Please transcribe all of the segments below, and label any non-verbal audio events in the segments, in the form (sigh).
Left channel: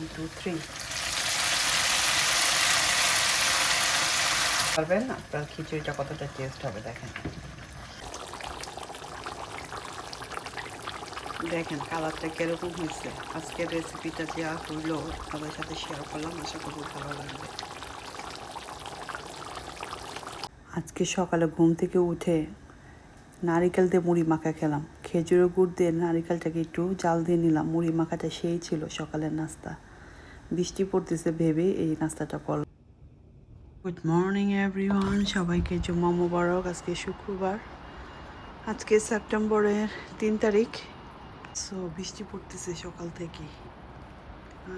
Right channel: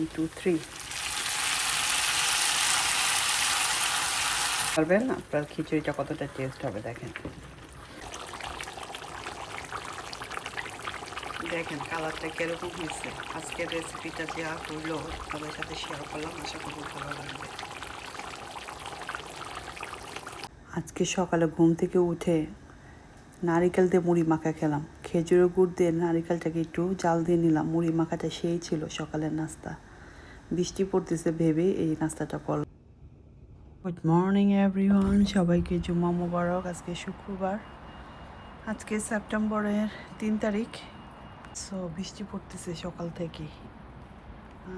One two three পারবেন? আপনার খিচুড়িটা কতটা টেস্ট হবে, দেখেন। দেখেন কালারটা কীরকম হয়েছে। আজকের রেসিপিটা দেওয়া হইল সবার সাথে শেয়ার করলাম, আশা করব ভালো লাগবে। আজকে সকালে ঘুম থেকে উঠে নারিকেল দিয়ে মুড়ি মাখা খেলাম। খেজুরের গুড় দিয়ে নারিকেলটাকে একটু জাল দিয়ে নিলাম। মুড়ি মাখাটা সেই ছিল সকালের নাস্তা। বৃষ্টি পড়তেছে ভেবে এই নাস্তাটা করলাম। গুড মর্নিং এভরিওয়ান সবাইকে জুম্মা মোবারক, আজকে শুক্রবার। আজকে সেপ্টেম্বরের তিন তারিখ। সো বৃষ্টি পড়তেছে সকাল থেকে।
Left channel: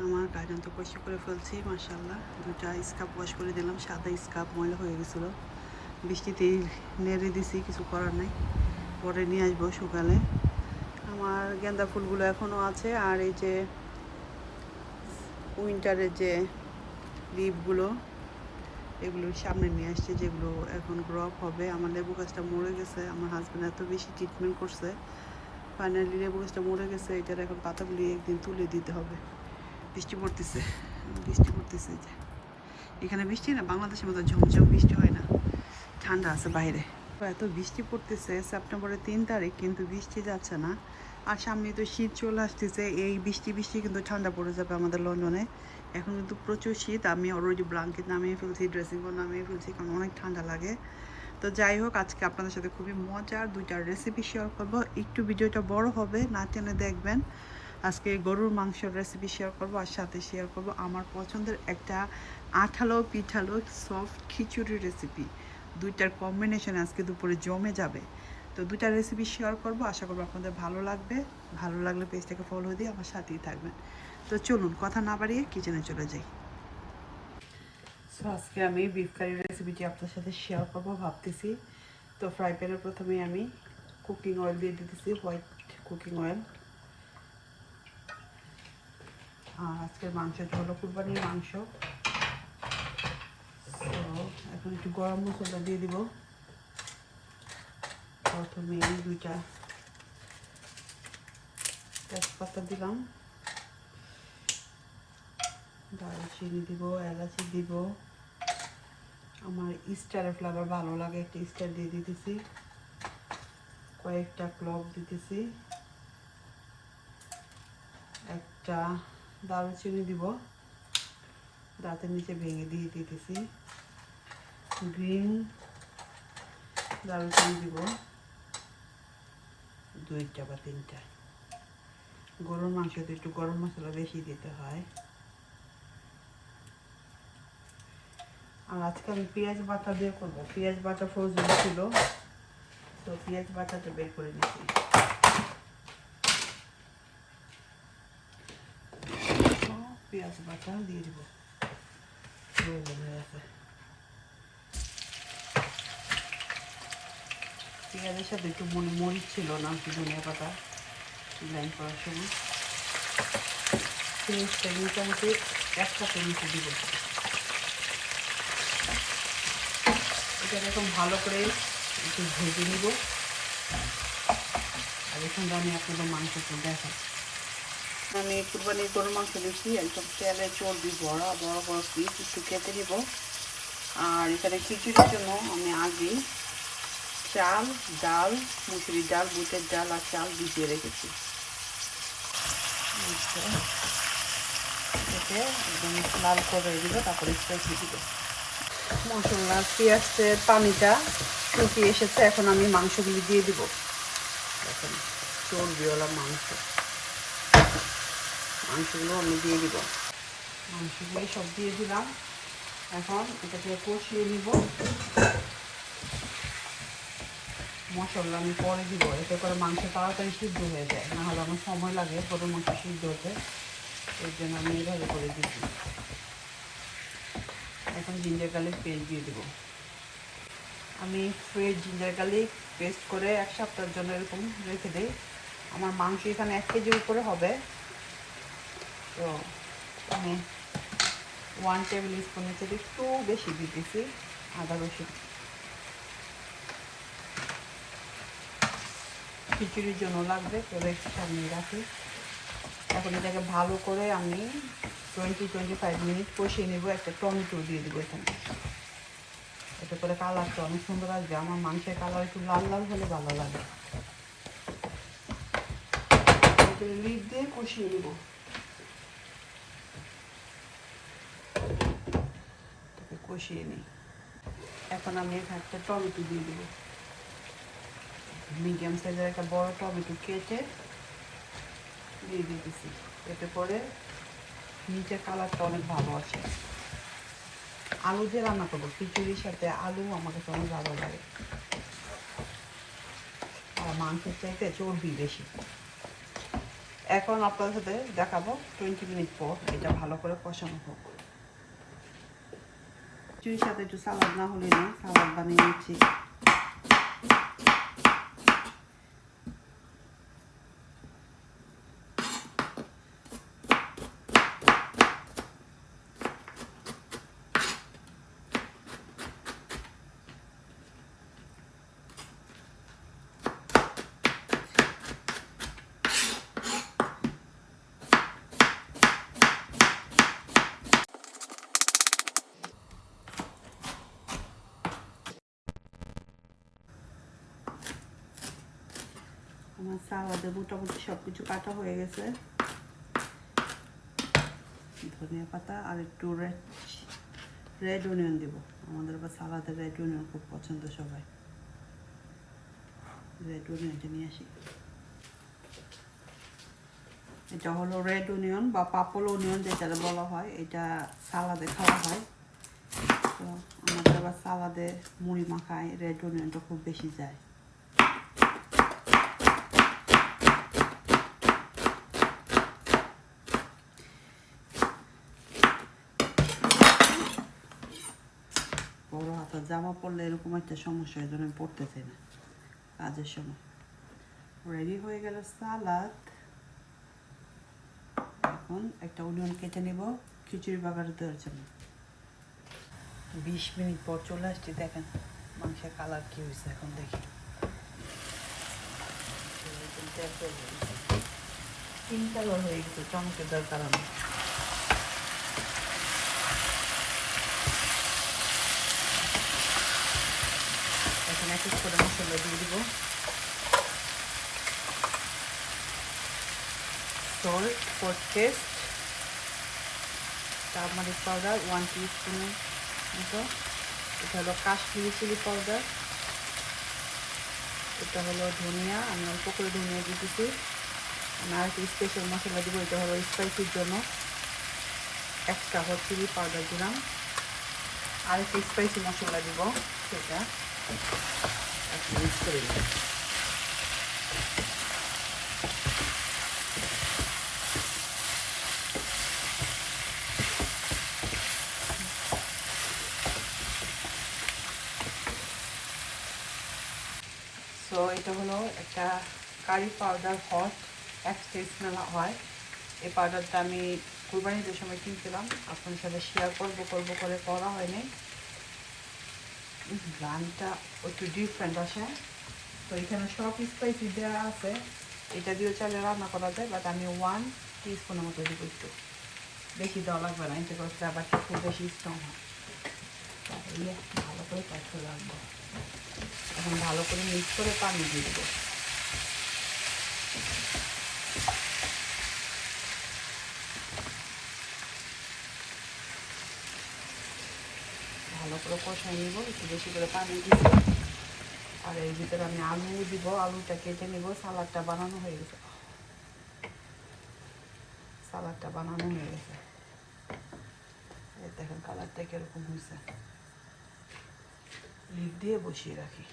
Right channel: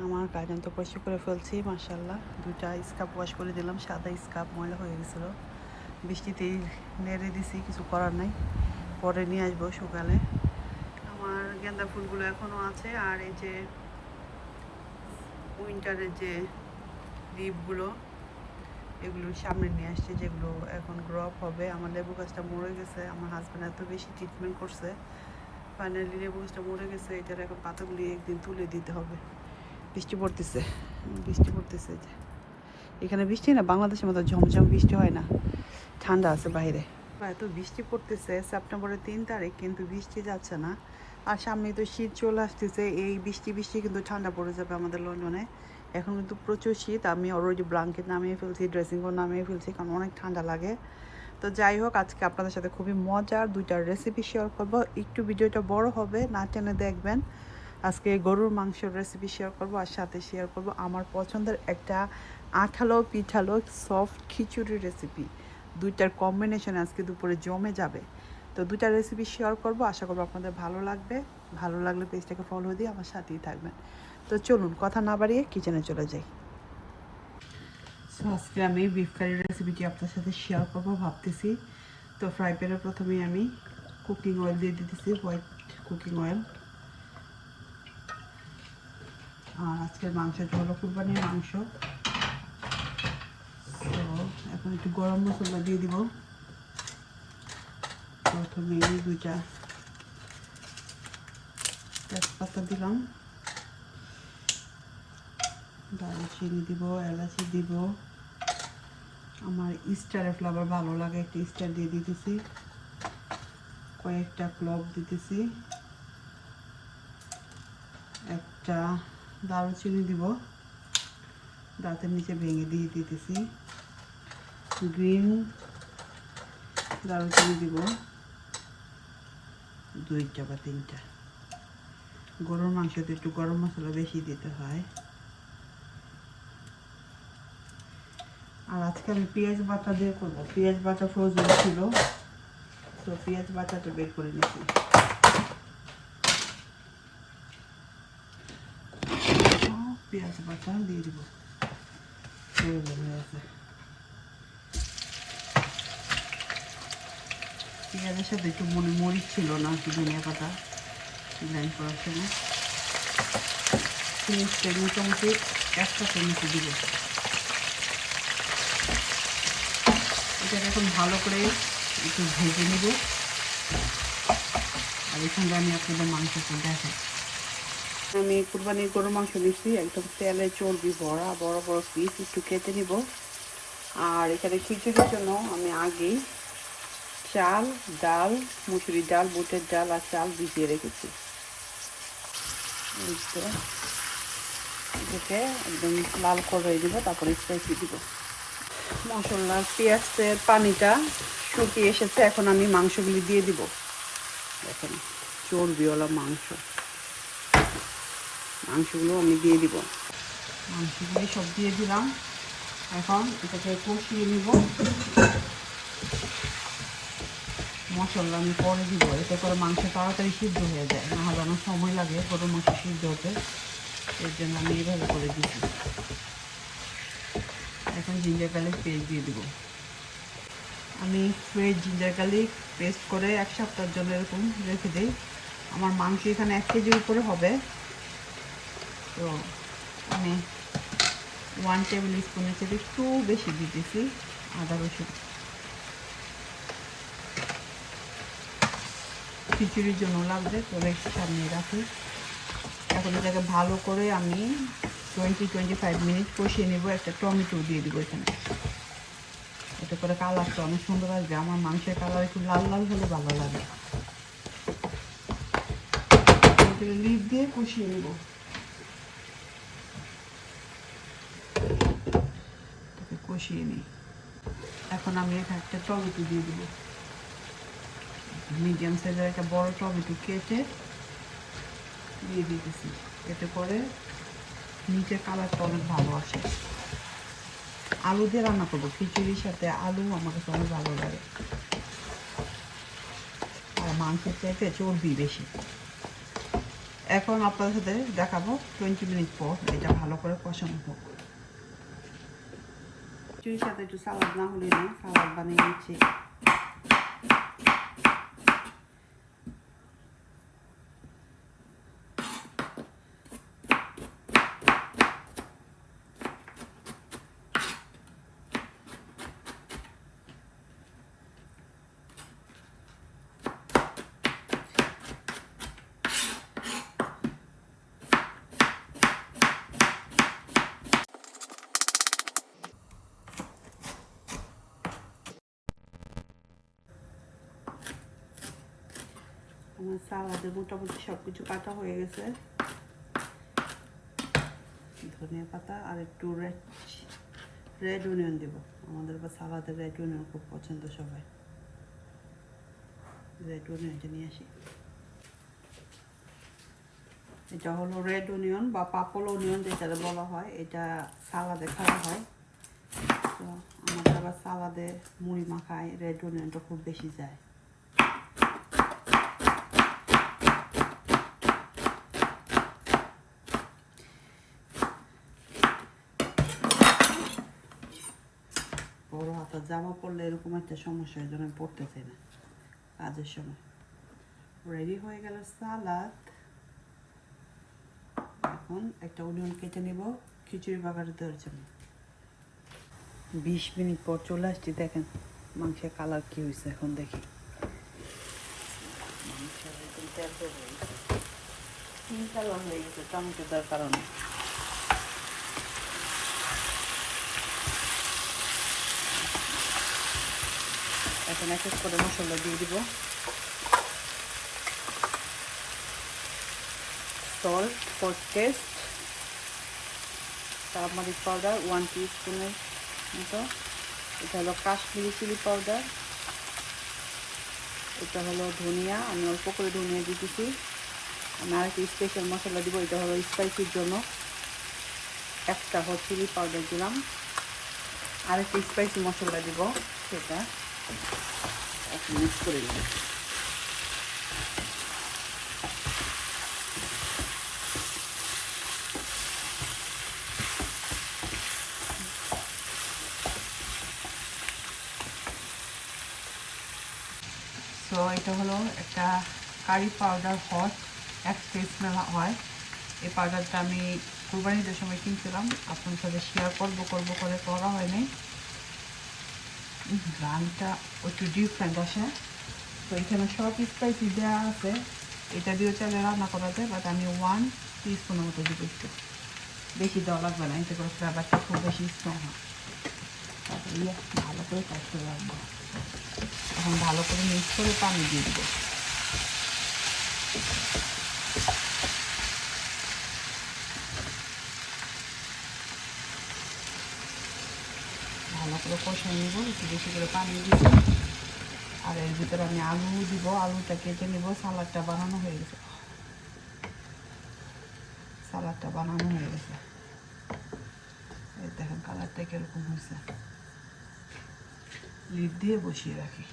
আমার গাজন তো পরিষ্কার করে ফেলছি মার্শাল্লাহ দুটা স্কাপ ওয়াশ করে দিলাম, সাদা স্কাপ ময়লা হয়ে গেছিল। বৃষ্টিতেই নেড়ে দিছি, কিছু করার নাই। পরে নিয়ে আসব সকালে আমার গেঁদা ফুলগুলো এখনও আছে, আর এই যে উইন্টারের যে লিপগুলো এগুলো সামনে নিয়ে আসছে, যেগুলো এখন গ্রপ হবে। আমার লেবু গাছটা মরে গেছে, আমার হাজব্যান্ড এত বেশি ট্রিটমেন্ট করছে। ফাইনালি লেবু গাছটা মরে গেছে, এটার এখন পাতাগুলি একদিন তুলে দিতে হবে। বৃষ্টি পড়তেছে বৃষ্টি পড়তেছে যে। এখানে বৃষ্টি না, বাংলাদেশের মতো ঝমঝম বৃষ্টি হয় না। ঠান্ডা আছে বাইরে। এত বৃষ্টি পড়তেছে সেপ্টেম্বরের তিন তারিখ, কিন্তু বৃষ্টি যাচ্ছে না। আর সামনে তো শীত চলে আসতেছে, এই বৃষ্টি বৃষ্টি কিন্তু ঠান্ডা পড়ে যাবে আমাদের লন্ডনে। এখন কিন্তু প্রচুর শীত, আমি অলরেডি ব্লাঙ্কেট নামিয়ে ফেলছি ড্রেসিং রুম নামিয়ে ফেলছি, কারণ অনেক ঠান্ডা লাগে। তো যাই হোক, আজকে আপনাদের সাথে খুবই মজার দুইটা রেসিপি শেয়ার করব। একটু ভিডিওটা বড় হবে, না টেনে দেখবেন। আজকে গরুর মাংসের রেসিপি শেয়ার করব, আর সাথে শেয়ার করব আমার পছন্দের একটা আঠালো পিঠালো সফট খিচুড়ি রেসিপি দুইটার কম্বিনেশন আজকে দুপুরে জমে যাবে। তো দুইটা রেসিপি শেয়ার করব। আশা করব আপনাদের ভালো লাগবে। ভালো লাগলে পেজটাকে ফলো দিয়ে আমার সাথেই থাকবেন। তো চলুন, কথা না বাড়িয়ে কিচেনে চলে যাই। আজকে আমি বিফ কারি রেসিপিটি আপনার সাথে শেয়ার করব, ভাবতেছি। তো ফ্রাই প্যানে প্রথমে আমি কুকিং অয়েল দিয়ে দিতেছি হোয়াইট কুকিং অয়েল আর আজকের মাংসটা হলো কুরবানির মাংস। তো এখন একটু গরম মশলা দিয়ে দিব। প্রথমে দুইটা তেজপাতা দিলাম দারুচিনি দিব এলাচি দিব আমার স্টারের ফ্লেভার ভালো লাগে একটা স্টার দিয়ে দিতেছি কয়েকটা ক্লভ দিতেছি একটা দারুচিনি দিব দাঁতের নিচে ভেঙে দিয়ে দিতেছি গ্রিন দারুচিনি দিব দুইটা বা তিনটা। গরুর মাংসতে একটু গরম মশলা বেশি দিতে হয়। আর আজকে আমি পেঁয়াজ বাটা দিয়ে করব। পেঁয়াজ বাটা ফ্রোজেন ছিল। তো পেঁয়াজ বাটাটা বের করে নিচ্ছি। পেঁয়াজ বাটা দিয়ে দিব। প্রয়োজন আছে পেঁয়াজের সাথে একটু মনে মরিচ ছিল না ধনিয়া পাতা লাইন করার সময় পেঁয়াজটা মোটামুটি একটা চামচ দিব। এটা এখন ভালো করে একটু ভেজে নেব। আর এখানে আমি আপনাদের মাংসটা দেখাই। আমি কুরবানির গরু মাংস দিচ্ছি একটা তেলে চর্বি ভরা বড় বড় পিস কেটে দিব আর এখানে খিচুড়ির জন্য আমি আগে চাল, ডাল, মুসুরি ডাল, বুটের ডাল আর চাল ভিজিয়ে রেখেছি। দিতে লাল করে দিব, তারপরে কষি দিব। মশলা, পেঁয়াজের পানিটা শুকিয়ে এসেছে, এখন আমি মাংসগুলি দিয়ে দিব। এখন চর্বিওয়ালা মাংস। মাংসগুলো আমি দিয়ে দিব। মাংসগুলি সব দিয়ে দিলাম। এখন এটাকে কষিয়ে নিব। মশলা আমি পরে দিব, এতে করে মাংস তাড়াতাড়ি সিদ্ধ হয়ে যায়, না হলে অনেক সময় লাগে গরুর মাংস সিদ্ধ হতে। এর জন্য আমি এইভাবে করে দিচ্ছি। এখন জিঞ্জার গার্লিক পেস্ট দিয়ে দিব। আমি ফ্রেশ জিঞ্জার গার্লিক পেস্ট করে এক সপ্তাহের জন্য এরকম রেখে দিই। আমার মাংস এখানে এক কেজির উপরে হবে। তো আমি ওয়ান টেবিল স্পুনের চেয়ে একটু বেশি দিতেছি, আদা রসুন। খিচুড়ির জন্য লাগবে, তো রেখে সামনে রাখি। এখন এটাকে ভালো করে আমি টোয়েন্টি টোয়েন্টি ফাইভ মিনিট কষিয়ে নেব, একটা টমেটো দিয়ে দেবো এখানে। এতে করে কালারটা অনেক সুন্দর আসবে, আমার মাংসের কালার একটু লাল লাল হলে ভালো লাগে। লিড দিয়ে কষিয়ে নেব। কষিয়ে নিই। এখন আমি এখানে একটা টমেটো দিয়ে দেবো। মিডিয়াম সাইজের একটা বড় টমেটো কেটে দিয়ে দিয়েছি এতে করে নিচের কালারটা অনেক ভালো আসে। আলু দিয়ে রান্না করব। খিচুড়ির সাথে আলু আমার কাছে অনেক ভালো লাগে। আর মাংসের চাইতে চর্বি বেশি। এখন আপনাদের সাথে দেখাবো টোয়েন্টি মিনিট পর এটা ভালো করে কষানো হোক। খিচুড়ির সাথে একটু সালাদ না হলে না সালাদ বানিয়ে নিচ্ছি। সালাদে মোটামুটি সব কিছু কাটা হয়ে গেছে। ধনিয়া পাতা আর একটু রেড রেড অনিয়ন দেবো। আমাদের বা সালাদে রেড অনিয়ন খুব পছন্দ সবাই। রেড অনিয়নটা নিয়ে আসি। এটা হলো রেড অনিয়ন বা পাপল অনিয়ন যেটা বলা হয়। এটা সালাদে খাওয়া হয়। তো আমাদের আবার সালাদে মুড়ি মাখায় রেড অনিয়নটা খুব বেশি যায়। হাতের জামা পরলে এরকম একটা সমস্যা এই আমি পড়তে চাই না কাজের সময়। রেডি হয়ে গেল সালাদ। এখন একটা অনিয়ন কেটে নেব, খিচুড়ি বাগারে দেওয়ার জন্য। বিশ মিনিট পর চলে আসছি, দেখেন মাংসের কালার কি হয়েছে, এখন দেখি। তিন কালার হয়ে গেছে টমেটো দেওয়ার কারণে এখন এক এক করে মশলা দিয়ে দিব। Salt for taste turmeric powder one টিস্পুনের মতো এটা হলো কাশ্মীরি চিলি পাউডার এটা হলো ধনিয়া। আমি অল্প করে ধনিয়া দিতেছি আমি আর একটা স্পেশাল মশলা দিব। এটা হলো স্পাইসির জন্য। একটা চিলি পাউডার দিলাম। আর একটা স্পাইসি মশলা দিব সেটা। মিক্স সো এটা হলো একটা কারি পাউডার হট এক স্মেল হয়। এই পাউডারটা আমি কুরবানিদের সময় কিনছিলাম। আপনার সাথে শেয়ার করব করব করে করা হয়নি। গানটা একটু ডিফারেন্ট আসে। তো এখানে সব স্পাইসি দেওয়া আছে। এটা দিয়েও চাইলে রান্না করা যায় বাট আমি ওয়ান টিস্পুনের মতো দিব একটু। বেশি দেওয়া লাগবে না, এতে করে ফ্লেভারটা খুব বেশি স্ট্রং হয়। তাহলে ভালো করে কাজ করে রাখব এখন ভালো করে মিক্স করে পানি দিয়ে দেবো। ভালো কষাই নেব, একটু বেশি করে পানি দিব। আর এর ভিতরে আমি আলু দিব, আলুটা কেটে নেব সালাডটা বানানো হয়ে গেছে। সালাডটা বানানো হয়ে গেছে। এই দেখেন কালারটা কীরকম হয়েছে। লিড দিয়ে বসিয়ে রাখি।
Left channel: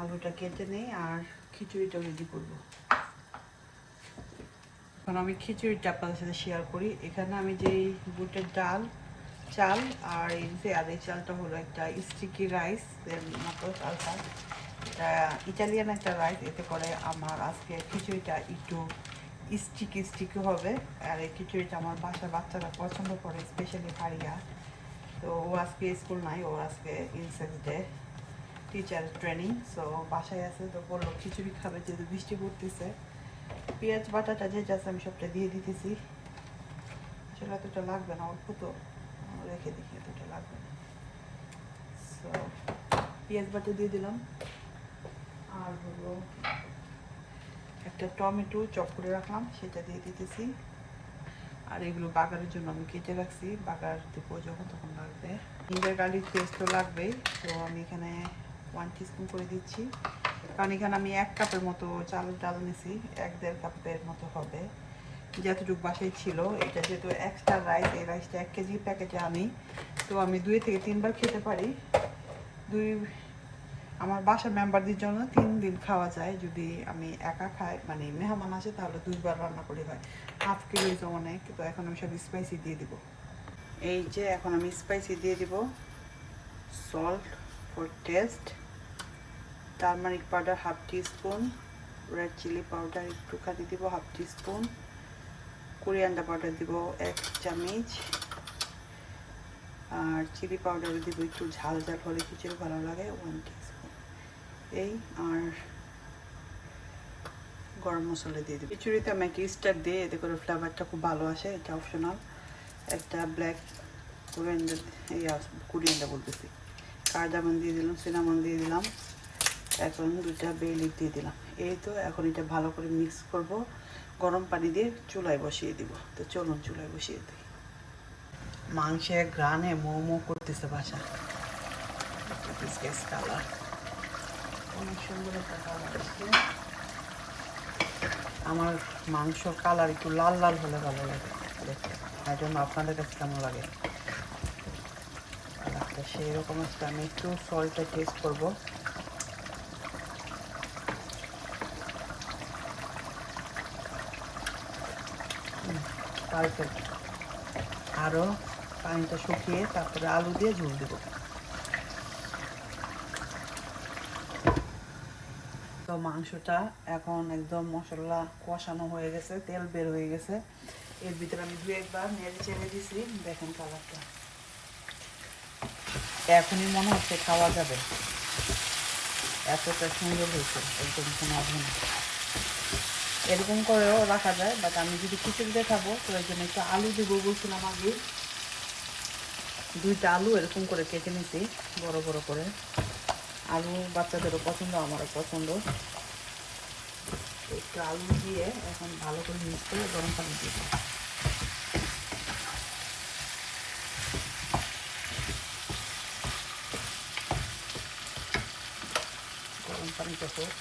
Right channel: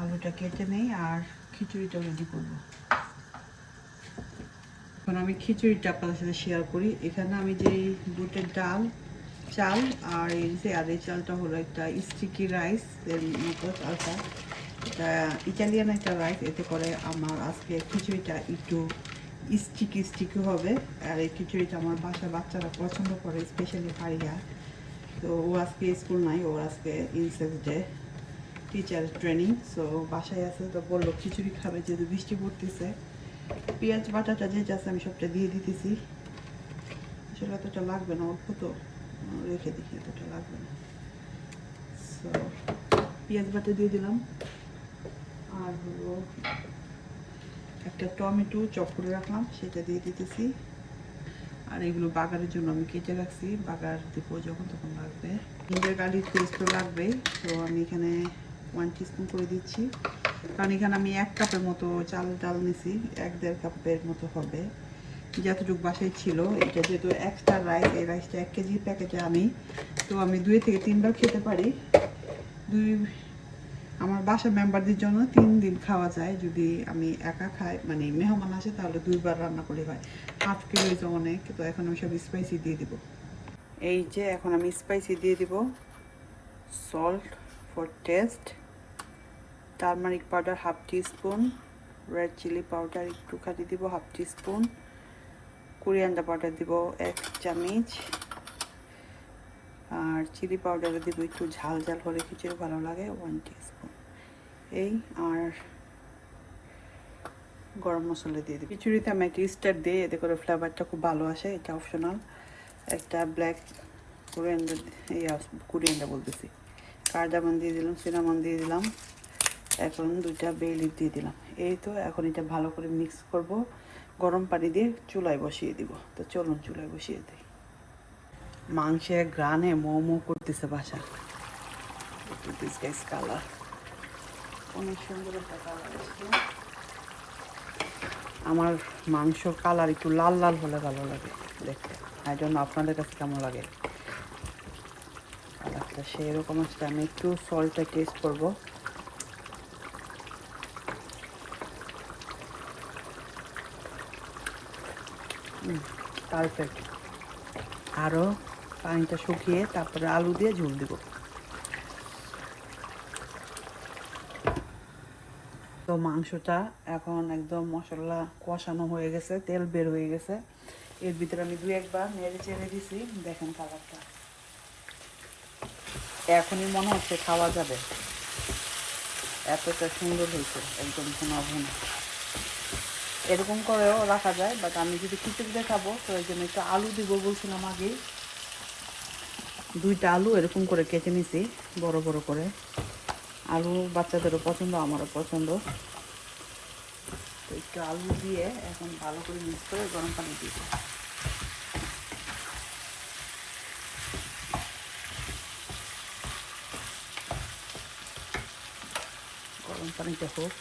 আলুটা কেটে নেই আর খিচুড়িটা রেডি করব। এখন আমি খিচুড়িটা আপনাদের সাথে শেয়ার করি। এখানে আমি যে বুটের ডাল চাল আর এই যে আর চালটা হলো একটা স্টিকি রাইস এর মতো চালটা। এটা ইটালিয়ান একটা রাইস এতে করে আমার আজকে খিচুড়িটা একটু স্টিকি স্টিকি হবে। আর এই খিচুড়িটা আমার বাসার বাচ্চারা পছন্দ করে স্পেশালি ভাইয়া তো ও আজকে স্কুল নাই, ওর আজকে ইনসেক্স ডে টিচার ট্রেনিং সো বাসায় আছে, তো বলল খিচুড়ি খাবে যেহেতু বৃষ্টি পড়তেছে। পেঁয়াজ বাটাটা যেটা আছে আমি সবটা দিয়ে দিতেছি। আসলে এতটা লাগবে না অল্প তো। রেখে দেখি এতটা লাগবে না। সো পেঁয়াজ বাটা দিয়ে দিলাম। আর হলো একটা টমেটো চপ করে রাখলাম, সেটা দিয়ে দিতেছি। আর এগুলো বাগারের জন্য আমি কেটে রাখছি। বাগার দেবো যখন তখন লাগবে। জিঞ্জার গার্লিক পেস্ট তো লাগবেই। তো আমি এখানে ওয়ান টিস্পুন করে দিচ্ছি। কারণ এখানে আমি এক কাপের মতো চাল, ডাল নিছি। এক দেড় কাপের মতো হবে। যতটুকু বাসায় ছিল, এটা যেহেতু এক্সট্রা রাইস এই রাইসটা এক কেজি প্যাকেটে আমি। তো আমি দুই থেকে তিনবার খেতে পারি। দুই, আমার বাসা মেম্বারদের জন্য তিন দিন খাওয়া যায়। যদি আমি একা খাই মানে মেহমান আসে, তাহলে দুইবার রান্না করে হয়। হাফ কিলো তো অনেক, তো এখন আমি সব স্পাইসি দিয়ে দিব। এই যে এখন আমি স্পাইসি দিয়ে দিব। Salt for taste turmeric powder half tea teaspoon red chilli powder একটুখানি দিব হাফ টিস্পুন কোরিয়ান্ডার পাউডার দিব, এক চামচ। আর চিলি পাউডার দিব একটু ঝাল ঝাল হলে খিচুড়ি ভালো লাগে ওয়ান টিস্পুন এই, আর গরম মশলা দিয়ে দিই খিচুড়িতে আমি একটা স্টার দিই, এতে করে ফ্লেভারটা খুব ভালো আসে, এটা অপশনাল একটা ব্ল্যাক কোরিয়ান্ডার এই কোরিয়ান্ডার বলতেছি। কার্ডামন দিয়ে দিলাম সিনামন দিয়ে দিলাম। এখন দুইটা বে লিপ দিয়ে দিলাম। এই তো, এখন এটা ভালো করে মিক্স করব। গরম পানি দিয়ে চুলায় বসিয়ে দিব। তো চলুন চুলায় বসিয়ে দিই। মাংসের গ্রানে মো মো করতেছে বাসা আমার মাংস কালার একটু লাল লাল হলে ভালো লাগে। দেখতে। তাই জন্য আপনাদের কাছে কেমন লাগে? সেরকম আমি একটু সল্টে টেস্ট করব। পারফেক্ট আরও পানিটা শুকিয়ে তারপরে আলু দিয়ে ঝুল দেবো। তো মাংসটা এখন একদম মশলা কষানো হয়ে গেছে, তেল বের হয়ে গেছে। এর ভিতরে আমি দু একবার নেড়ে চেড়ে দিছি, দেখেন খাবারটা এখনই মনে হচ্ছে খাওয়া যাবে। এতটা সুন্দর হয়েছে, একদম ঘন। এরকম করেও রাখা যায় বাট আমি যদি খিচুড়িতে খাব তো এই জন্য একটু আলু দেবো বলছিলাম আগে। দুইটা আলু এরকম করে কেটে নিছি, বড় বড় করে। আলু বাচ্চাদেরও পছন্দ, আমারও পছন্দ। একটু আলু দিয়ে এখন ভালো করে মিক্স করে গরম পানি দিয়ে গরম পানিটা হোক।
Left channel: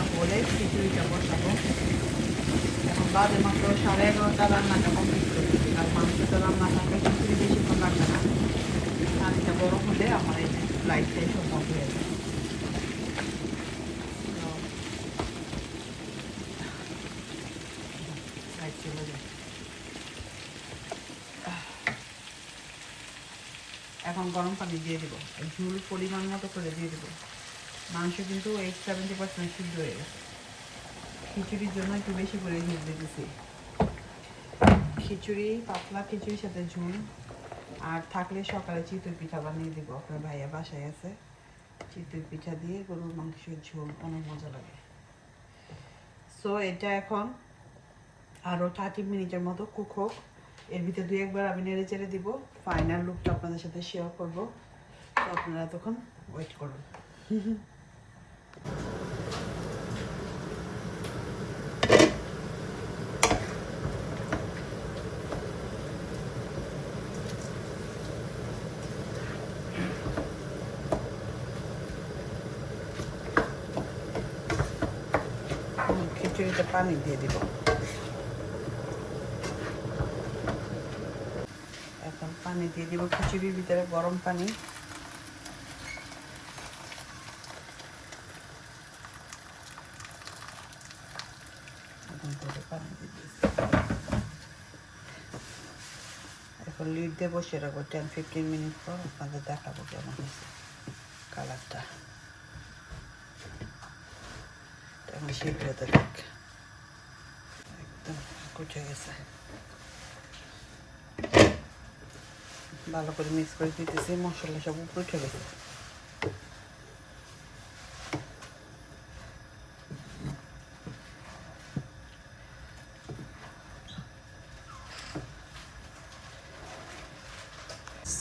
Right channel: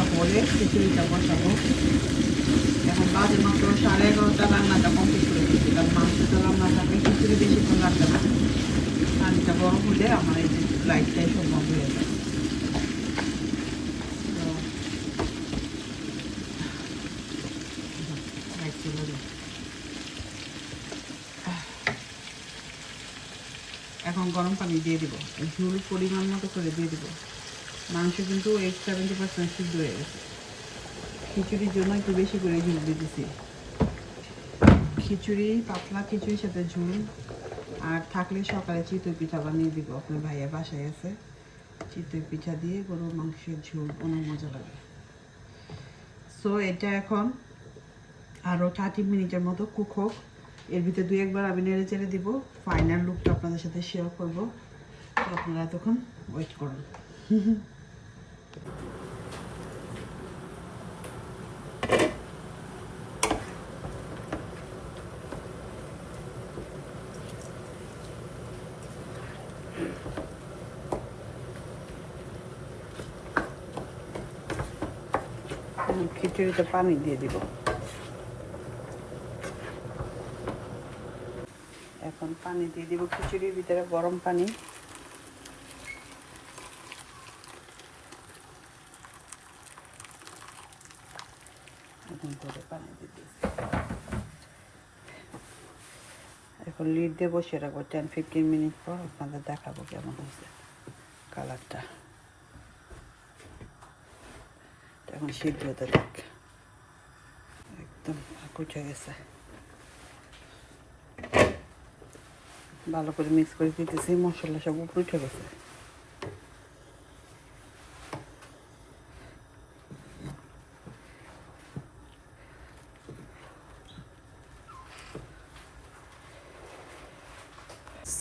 মাংসটা হলে খিচুড়িটা বসাবো। এখন বাজে মাত্র সাড়ে এগারোটা, রান্নাটা কমপ্লিট করে কারণ মাংসটা রান্না থাকলে খিচুড়ি বেশিক্ষণ লাগবে না। পানিটা গরম হলে আমার এই যে ফ্লাইটটাই সম্ভব হয়ে যাবে। এখন গরম পানি দিয়ে দিব। ঝুল পরিমাণ মতো করে দিয়ে দিব। মাংস কিন্তু এইট সেভেন্টি পার্সেন্ট সিদ্ধ হয়ে গেছে। খিচুড়ির জন্য একটু বেশি করে ঝুল দিতেছি। খিচুড়ি, পাতলা খিচুড়ির সাথে ঝোল। আর থাকলে সকালে চিতই পিঠা বানিয়ে দিব। আপনার ভাইয়া বাসায় আছে। চিতই পিঠা দিয়ে গরুর মাংসের ঝোল, অনেক মজা লাগে। সো এটা এখন আরও থার্টি মিনিটের মতো কুক হোক। এর ভিতরে দুই একবার আমি নেড়ে চেড়ে দিব। ফাইনাল লুকটা আপনাদের সাথে শেয়ার করব। আপনারা তখন ওয়েট করুন। (laughs) খিচুড়িতে পানি দিয়ে দিব। এখন পানি দিয়ে দিব। খিচুড়ির ভিতরে গরম পানি এখন করে পানি দিতেছি। দিয়ে বসে রাখব টেন ফিফটিন মিনিট পর আপনাদের দেখাবো কেমন হয়েছে কালারটা এখন সিদ্ধ একদম কুচে গেছে। ভালো করে মিক্স করে দিতেছি, মশলা সব উঠে গেছে।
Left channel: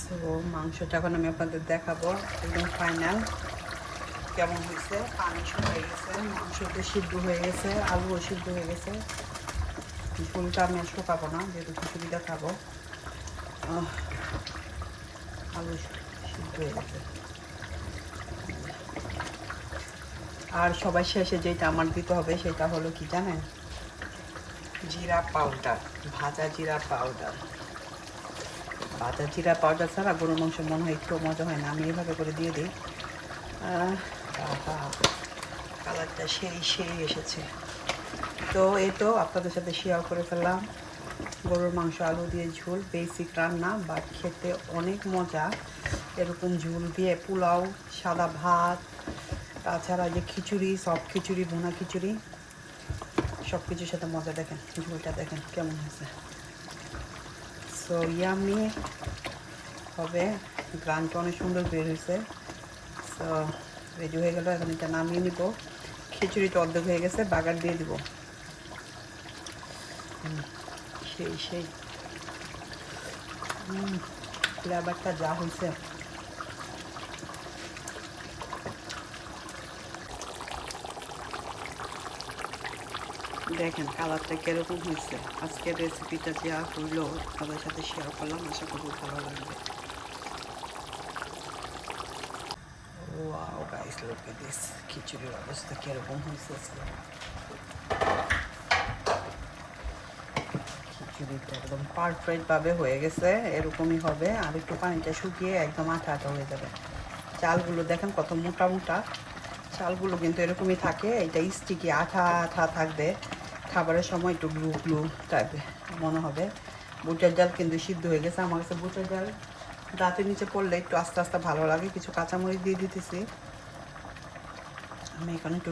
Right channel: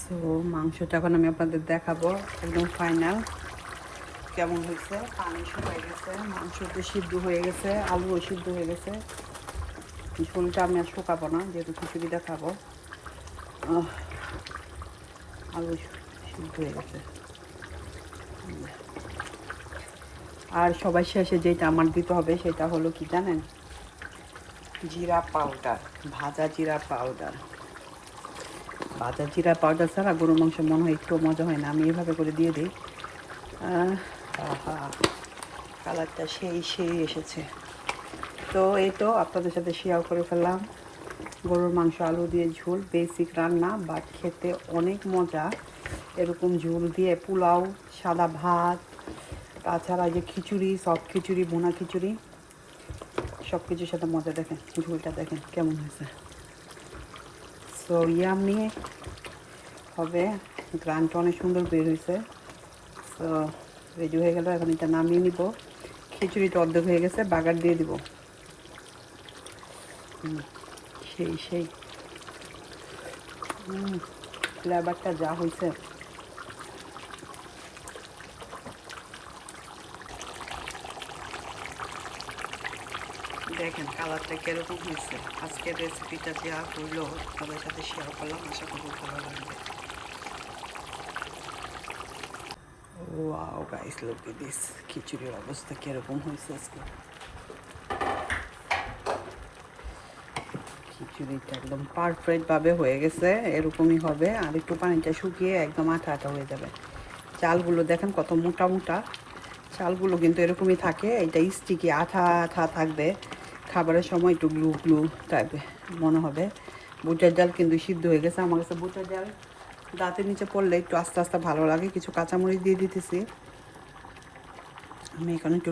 তো মাংসটা এখন আমি আপনাদের দেখাবো, একদম ফাইনাল কেমন হয়েছে? পানি হয়ে গেছে, মাংসটা সিদ্ধ হয়ে গেছে, আলুও সিদ্ধ হয়ে গেছে। ঝোলটা আমি আর শুকাবো না, যেহেতু খিচুড়িটা খাব আলু সিদ্ধ হয়ে গেছে। আর সবার শেষে যেটা আমার দিতে হবে, সেটা হলো কি জানেন? জিরা পাউডার ভাজা জিরা পাউডার ভাজা জিরা পাউডার ছাড়া গরুর মাংস মনে হয় একটু মজা হয় না। আমি এইভাবে করে দিয়ে দিই। কালারটা সেই সেই এসেছে। তো এই তো আপনাদের সাথে শেয়ার করে ফেললাম। গরুর মাংস, আলু দিয়ে ঝোল বেসিক রান্না বাট খেতে অনেক মজা। এরকম ঝোল দিয়ে পোলাও, সাদা ভাত, তাছাড়া যে খিচুড়ি সফট খিচুড়ি বোনা খিচুড়ি সব কিছুর সাথে মজা দেখেন, ঝোলটা দেখেন কেমন হয়েছে। সো ইয়ামি হবে। গ্রান্ট অনেক সুন্দর বের হয়েছে সো রেডি হয়ে গেল, এখন এটা নামিয়ে নিব। খিচুড়িটা অর্ধেক হয়ে গেছে, বাগার দিয়ে দিব। সেই সেই। ফ্লেভারটা যা হয়েছে দেখেন কালারটা কীরকম হয়েছে। আজকের রেসিপিটা দেওয়া হইল সবার সাথে শেয়ার করলাম, আশা করি ভালো লাগবে। খিচুড়ির অবস্থা কীরকম হয়েছে আজকে? খিচুড়িটা একদম পারফেক্ট ভাবে হয়ে গেছে, এরকমই হবে। আর একটু পানিটা শুকিয়ে একদম আঠা আঠা হয়ে যাবে। চালগুলো দেখেন কত মোটা মোটা। চালগুলো কিন্তু এরকমই থাকে, এটা স্টিকি আঠা আঠা থাকবে। খাবারের সময় একটু গ্লু গ্লু টাইপের মনে হবে। বুটের ডাল কিন্তু সিদ্ধ হয়ে গেছে। আমার কাছে বুটের ডাল দাঁতের নিচে পড়লে একটু আস্তে আস্তে ভালো লাগে। কিছু কাঁচামরিচ দিয়ে দিতেছি। আমি এখানে একটু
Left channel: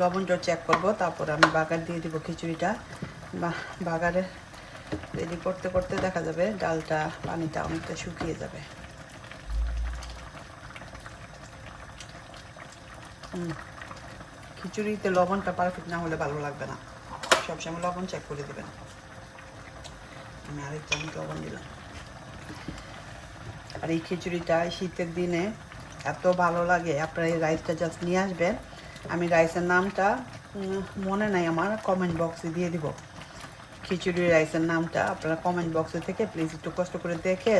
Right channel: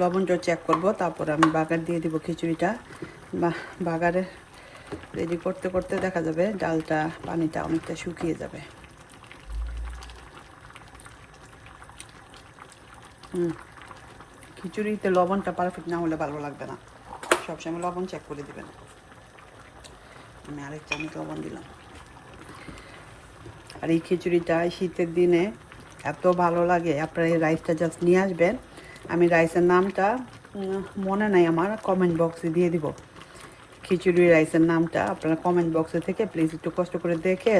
লবণটা চেক করব। তারপর আমি বাগার দিয়ে দিব খিচুড়িটা। বাগারে রেডি করতে করতে দেখা যাবে ডালটা পানিটা অনেকটা শুকিয়ে যাবে। খিচুড়িতে লবণটা পারফেক্ট না হলে ভালো লাগবে না। সবসময় লবণ চেক করে দেবেন। আমি আরেক চামচ লবণ দিলাম? আর এই খিচুড়িটা শীতের দিনে এত ভালো লাগে। আপনারা এই রাইসটা জাস্ট নিয়ে আসবেন। আমি রাইসের নামটা মনে নাই আমার কমেন্ট বক্সে দিয়ে দিব। খিচুড়ি রাইসের নামটা আপনারা কমেন্ট বক্সে থেকে প্লিজ একটু কষ্ট করে দেখে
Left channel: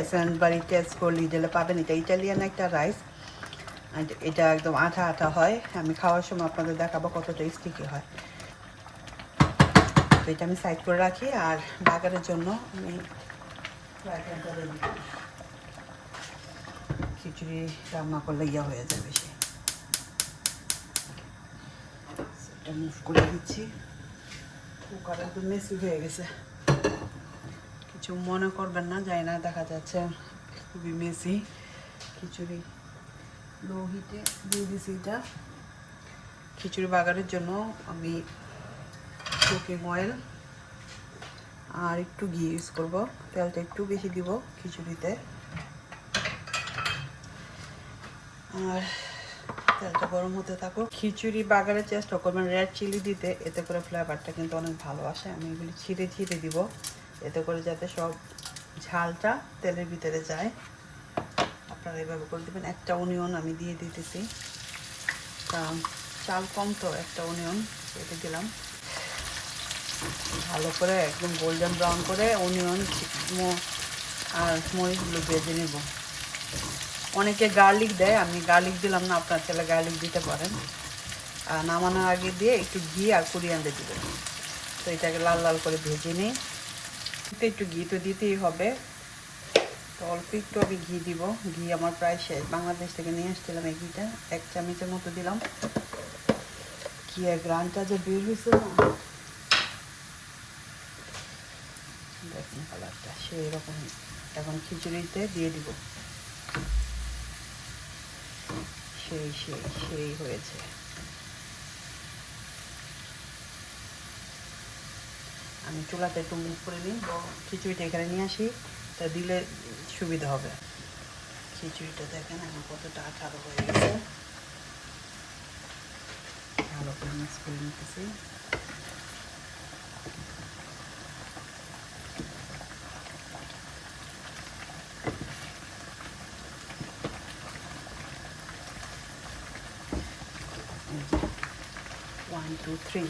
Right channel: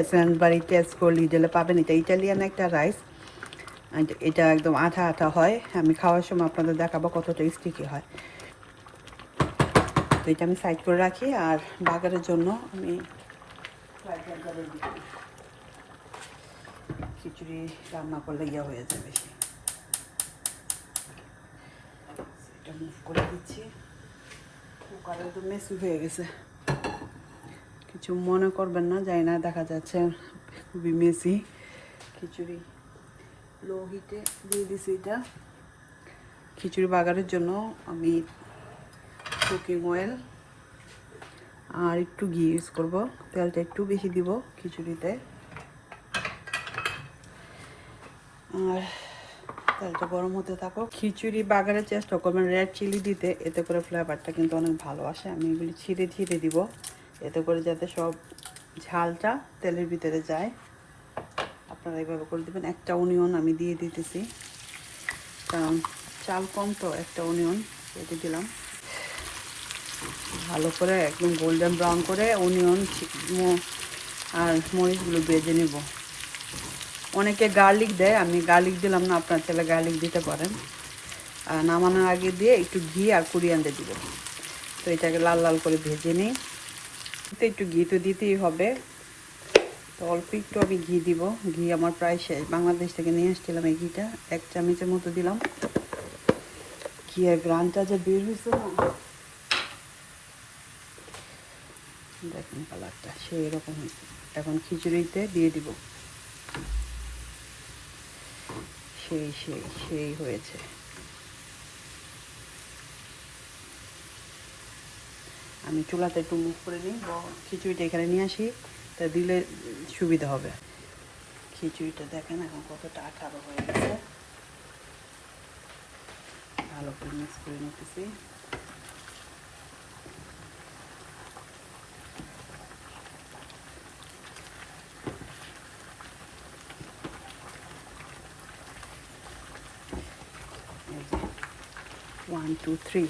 বাড়ি টেস্ট করে লিডেলে পাবেন। এটা ইটালিয়ান একটা রাইস এটা একদম আঠা আঠা হয়। আমি খাওয়ার সময় আপনাদের দেখাবো কতটা স্টিকি হয়। তো এটা আমি সাইড করে রাখি, আর বাগানের জন্য আমি খিচুড়ি রান্না করলে ইয়া হয়ে যাবে সে। এটা মুভ করে দিচ্ছি। একটু মেসি হয়ে গেছে। কিছু মনে করবেন না, যাই না, দেখা যাচ্ছে খুবই মেসি খিচুড়ি। লো হিটে দিয়ে দিছি এটা। খিচুড়ি বাগারের জন্য আমি কুকিং অয়েল আর একটু ঘি ইউজ করব। তেলটা একটু বেশি দিব খিচুড়িতে। আর তেলটা গরম হতে থাকো খিচুড়ি বাগারের চেষ্টা করবেন রেড চিলি দিতে, এতে করে ফ্লেভারটা কিন্তু অনেক ভালো আসে। আমি এগুলি ছিঁড়ে ছিঁড়ে দিব। এতে করে যাতে সব ঝালটা তেলের ভিতরে যায়। আপনারা এভাবে করে দেবেন। একটা অনিয়ন আমি দিয়ে দিতেছি। কারণ চাল কম তো, একটা অনিয়ন এটা দিলাম। ভালো করে একদম গোল্ডেন ব্রাউন করে অনিয়ন আর মরিচগুলো বেজে নেব। অনেকে গার্লিক দেয়, আমি গার্লিক দিলাম না, আপনার ছেলে গার্লিক দিতে পারেন। আর নামানোর আগে দিয়ে একটু ঘি আর কুড়িয়ানতে দিবেন। তো এটাকে লাল লাল করে ভেজে নিই। তো একটু ঘি তো দিতেই হবে। তো অল্প একটু আমি ঘি দিব। ঘি আমার প্রায় শেষ। বাংলাদেশ থেকে নিয়ে এসেছিলাম এই ঘিটা। এক চামচের মতো দিলাম। ঘিয়ের গ্রানটা যে বের হয়েছে না দেখুন কালারটা সেই রকম এখন খিচুড়িতে দিয়ে দিব। সেই সেই সেই হয়েছে আমি চুলাতে একটু মুখ করে নিই খিচুড়িটা এখানে নিয়ে আসি তা দিলে সুবিধা হবে খিচুড়িটা দেখেন এখন কতটা আঠারো হয়ে গেছে। ভালো করে মিক্স করে নিতেছি টু থ্রি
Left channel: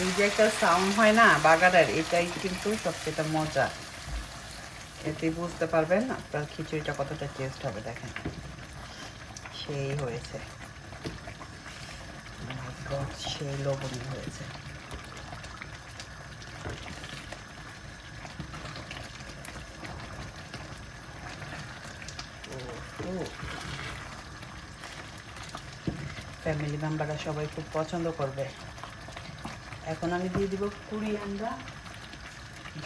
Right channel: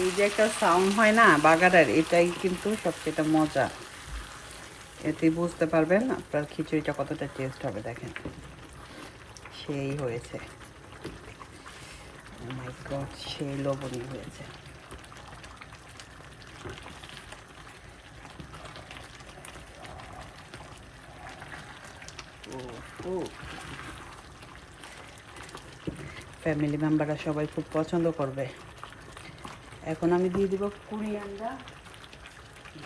এই যে একটা সাউন্ড হয় না বাগানের এটাই কিন্তু সবচেয়ে মজা। এতে বুঝতে পারবেন আপনার খিচুড়িটা কতটা টেস্ট হবে, দেখেন। সেই হয়েছে। একদম সেই লবণী হয়েছে। ফ্যামিলি মেম্বাররা সবাই খুব পছন্দ করবে। এখন আমি দিয়ে দিব কুড়ি আন্ডা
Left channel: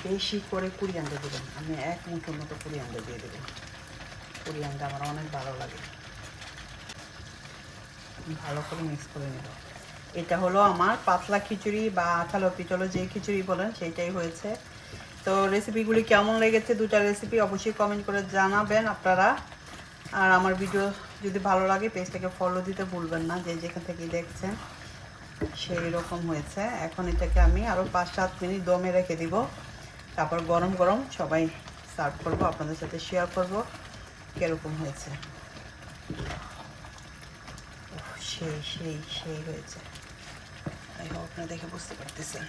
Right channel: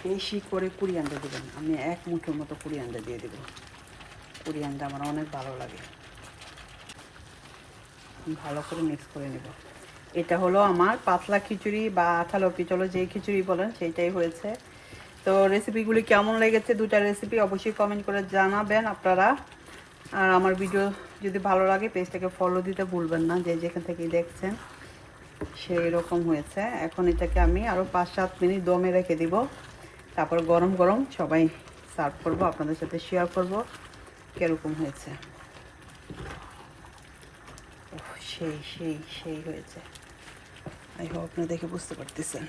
বেশি করে কুড়ি আন্ডা দেবেন আমি এক মুঠোর মতো কুড়ি আন্ডা দিয়ে দেবেন কুড়ি আন্ডা আমার অনেক ভালো লাগে। ভালো করে মিক্স করে নেব। এটা হলো আমার পাতলা খিচুড়ি বা আঠালো পিচলো যেই খিচুড়ি বলেন, সেইটাই হয়েছে। তো রেসিপিগুলি কেমন লেগেছে? দুটা রেসিপি অবশ্যই কমেন্ট করে জানাবেন আপনারা। আর আমার ভিডিও যদি ভালো লাগে পেজটাকে ফলো দিতে ভুলবেন না। যে যেখান থেকে দেখছেন, সেই রকম হয়েছে। এখন এটাকে আমি আরও পাঁচ সাত মিনিট দমে রেখে দিব। তারপর গরম গরম সবাই সার্ভ করব, আপনাদের সাথে শেয়ার করব। কীরকম হয়েছে? সেই সেই সেই হয়েছে। আই দেখে বুঝতে পারতেছেন।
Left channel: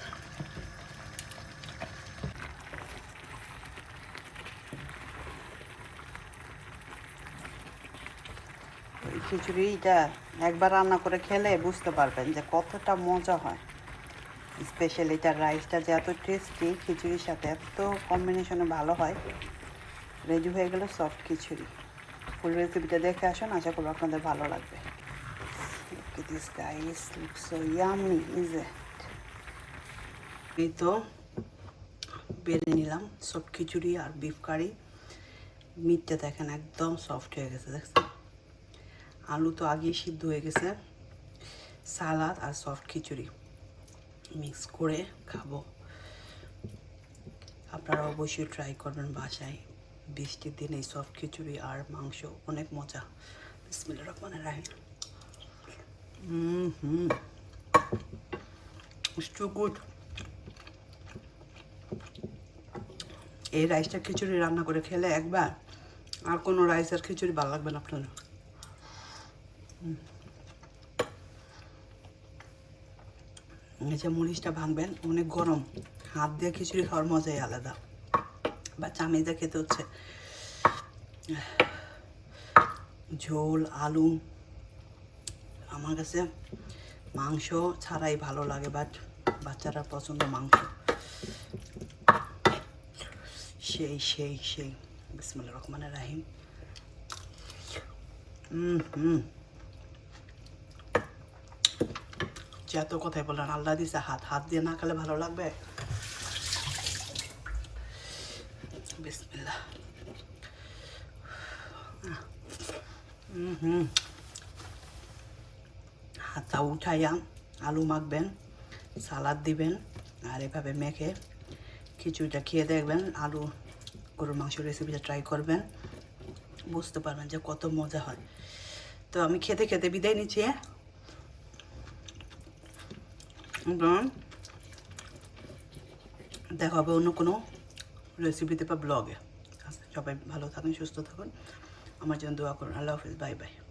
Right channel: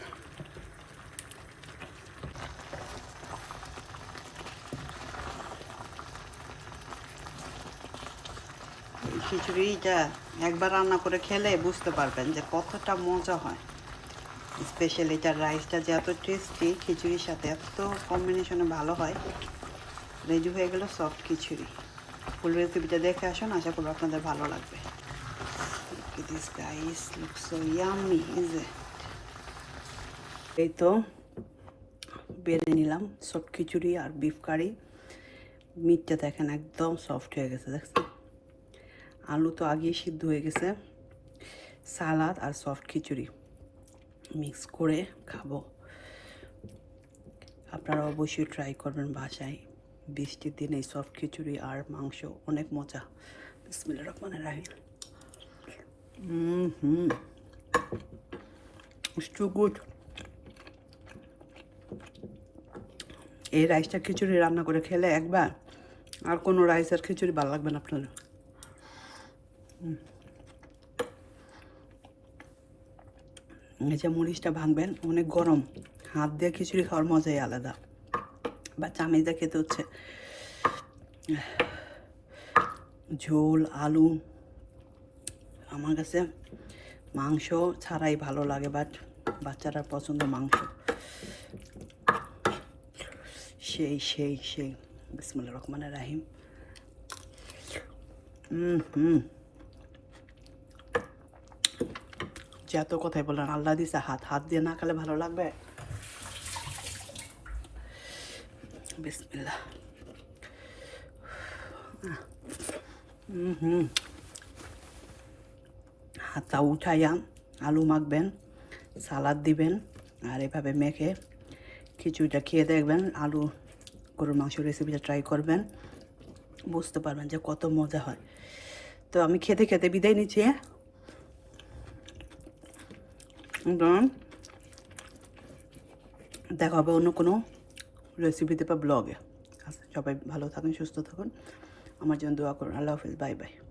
খিচুড়িটা একবার রান্না করে খেলে বুঝতে পারবেন যে কতটা মজা হয়। স্পেশালি এটার রাইসটা যে এত টেস্টি খিচুড়ির সাথে এত কম্বিনেশনে ভালো হয়। রেডি হয়ে গেল সফট খিচুড়ি। ফুল রেসিপিটা দেখে আসুন, আশা করব আপনাদের ভালো লাগবে। It? এই তো বেড়ে নিলাম সফট খিচুড়ি আর বিফ কারি মিটটা দেখেন একদম সফট হয়ে গেছে, দেখছেন? আলু তো আগেই সিদ্ধ হয়ে গেছে। সালাদ আর সফট খিচুড়ি মিক্স করে খাব। আপনারা অবশ্যই ট্রাই করবেন বাসায়। বৃষ্টির দিনে সফট খিচুড়ি আর মাংস অনেক মজা। বিসমিল্লাহ রহমানের রাহিম। হুম good. এই রাইসটা খিচুড়ি রান্না করে খেলে একবার আর কোনো রাইসের খিচুড়ি ভালো লাগবে না আপনার। নিচে মরিচটা ভাঙবেন, অনেক গরম। হাত দিয়ে খিচুড়ি খাওয়ার মজাই আলাদা। বা চামিচ দিয়ে খেতে হচ্ছে। ঝোল, আলু, আমার কাছে মাংস ছাড়াই ভালো লাগে বাট বাচ্চারা পছন্দ মাংস। সেই সেই সেই। বিসমুল্লাহ রহমানের রাহিম। হুম হুম। যে এত কথাই বললেন আল্লাহ দিছে হাত হাত দিয়ে না খেলে ভালো লাগবে? হুম হাতটা উঠাইয়া আলু মাখবেন, সালাদ দিবেন, আর এভাবে মেখে খিচুড়িটা খেয়ে দেখবেন, আলু, গরুর মাংস রেসিপিটা ট্রাই করবেন, বুঝতে পারবেন যে কত মজা হয়। তো আমি খেতে খেতে বিদায় নিচ্ছি হ্যাঁ? এবং দেখা হবে অন্য কোনো রেসিপিতে বা ব্লগে সবাই ভালো থাকুন, সুস্থ থাকুন। আমার জন্য দোয়া করুন। আল্লাহ হাফিজ। Bye bye.